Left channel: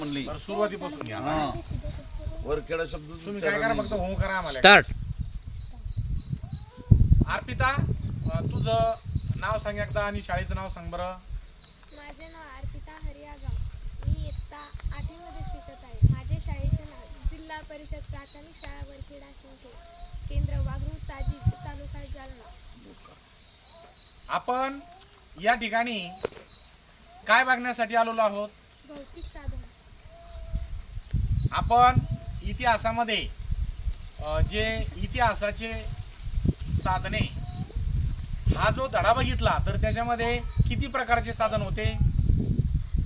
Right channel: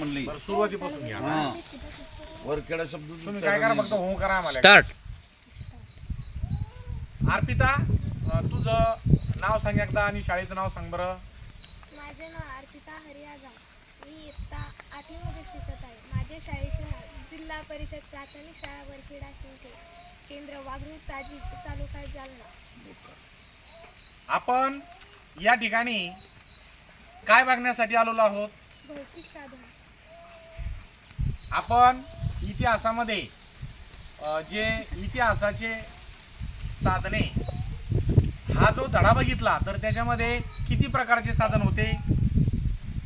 म्हणली बरं, सुरुवातीपासून या. हा वरखेडा शब्द तुम्ही काय करा, फक्त हो करा आम्हाला. स्टार्ट. अर्पिता, तुझं नाव सांग एकदा आणि शाळेचं नाव सांग बरं. माझे नाव अर्पिता हरियागाव. मी इयत्ता 8वी मध्ये शिकत आहे. माझे शाळेचे नाव जिल्हा परिषद प्राथमिक शाळा वरखेडा सिंखे, केंद्र वाघरू ताजी, तालुका जालना. आपण या ठिकाणी काय बघण्यासाठी आलेलो आहोत? भौतिक साधन. आपण इतिहासामध्ये जे इतिहासाचे साधने हा जो धडा बघितला तर त्याच्यामध्ये किती प्रकारचे साधन होते?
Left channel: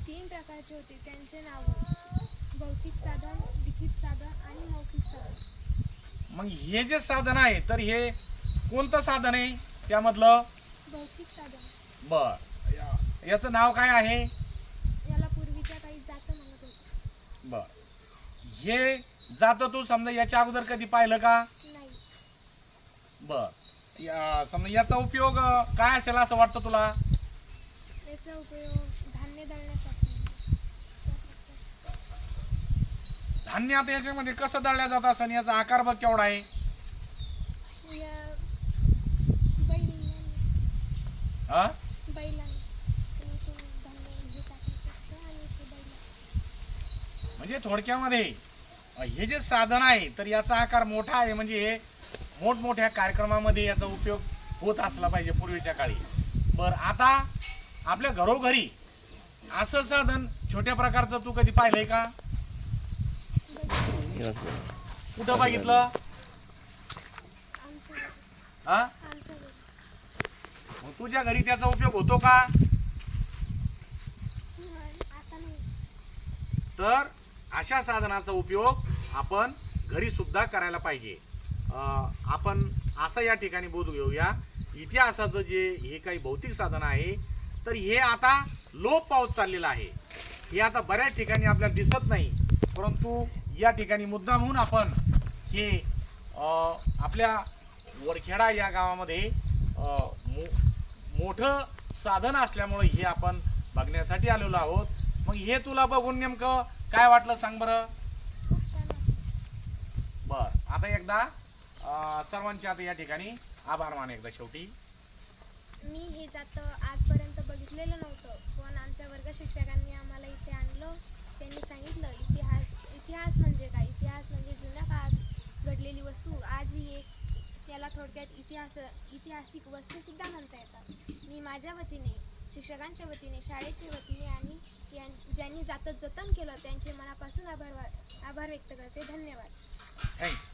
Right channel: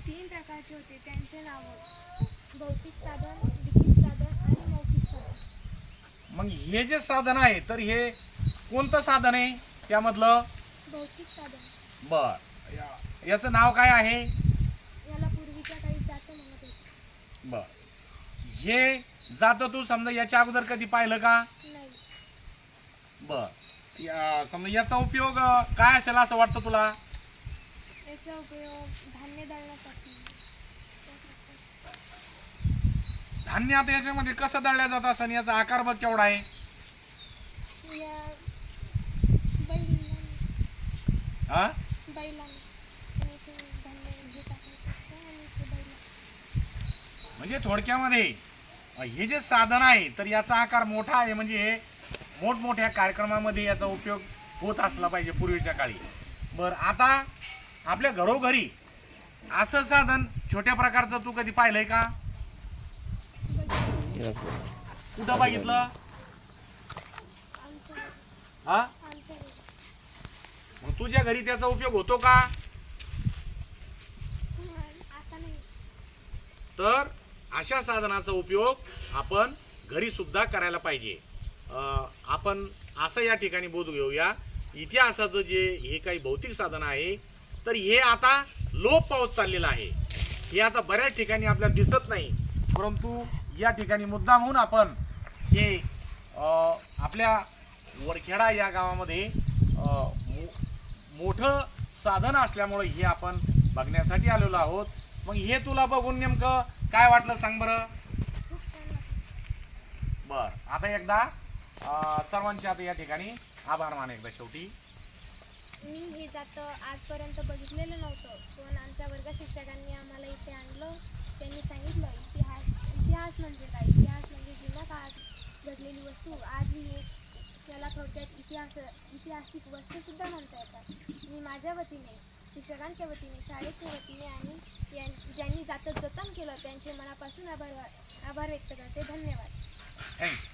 3 प्रकारचे होते. त्यांचे नाव भौतिक साधन, लिखित साधन आणि मौखिक साधन. मग हे जे साधन आहे तर हे कोणतं साधन आहे त्यामधलं? भौतिक साधन. बर, याचं नाव काय आहे? याला पूर्वीच्या काही जात म्हणत होते. बर, हे जात तू समजा याच्या अगोदर कधी पाहिलं का? नाही. बर, समजा याचा उपयोग काय असेल असं वाटतं तुला? याचा उपयोग धान्य दळण्यासाठी. धान्य आता याच्यामध्ये कसं दळल्या जात असं, याचा आकार बघ केवढा आहे? या बैलांनी हा, बैलांनी त्याने धान्य हे टाकायचं असतं आणि ते बैल. म्हणजे थोडक्यामध्ये हे जे साधन आहे तर याचा आकार मोठा आहे, म्हणजे हे मोठमोठ्या कार्यक्रमामध्ये याचा उपयोग होत असला पाहिजे पूर्वीच्या काळी. बर, आता आपल्या घरोघरी असं साधन छोट्या प्रकारचं तू कधी पाहिलंय का? कुठं बघितलं? हा, आमच्या घरी. मग तुझ्या घरी त्याचा उपयोग होतो का? आता नाही. तर अशा साधनाचा उपयोग आपण घरी सुद्धा करायला पाहिजे. आपण असं या ठिकाणी बोध घेऊया, इतिहासाचं जे हे काही भौतिक साधन आहे तर हे आता लोप पावत चाललेलं आहे. हे आता बऱ्याच ठिकाणी आपल्याला दिसत नाही, परंतु या ठिकाणी मुद्दाम म्हणून आपण हे आपल्या वरखेडा या गावामध्ये मोठं साधन असल्यामुळे हे आपण बघण्यासाठी आलेलो आहोत. मग हे तुला बघून नेमकं काय वाटलं सांग बरं? खूप छान वाटतं. बर, आता एकदा सर्वांचे आता या ठिकाणी आभार मान एकदा शेवटी. मी हे जातं आजपर्यंत बघितलेलं नव्हतं, पण आमच्या वर्ग शिक्षकांनी आम्हाला इथे आणलं. त्यांनी सांगितलं इतिहास म्हणजे काय. इतिहास म्हणजे जुन्या काळात घडलेली वस्तू. आज ही एक त्याला थोडक्यात ऐतिहासिक वस्तूसुद्धा म्हणता येतात. मी माझ्या वतीने, शिक्षकांच्या वतीने, शाळेच्या वतीने आणि ज्यांनी जातं जतन केलं त्यांचे मनापासून आभार व्यक्त करते. धन्यवाद. थँक्यू.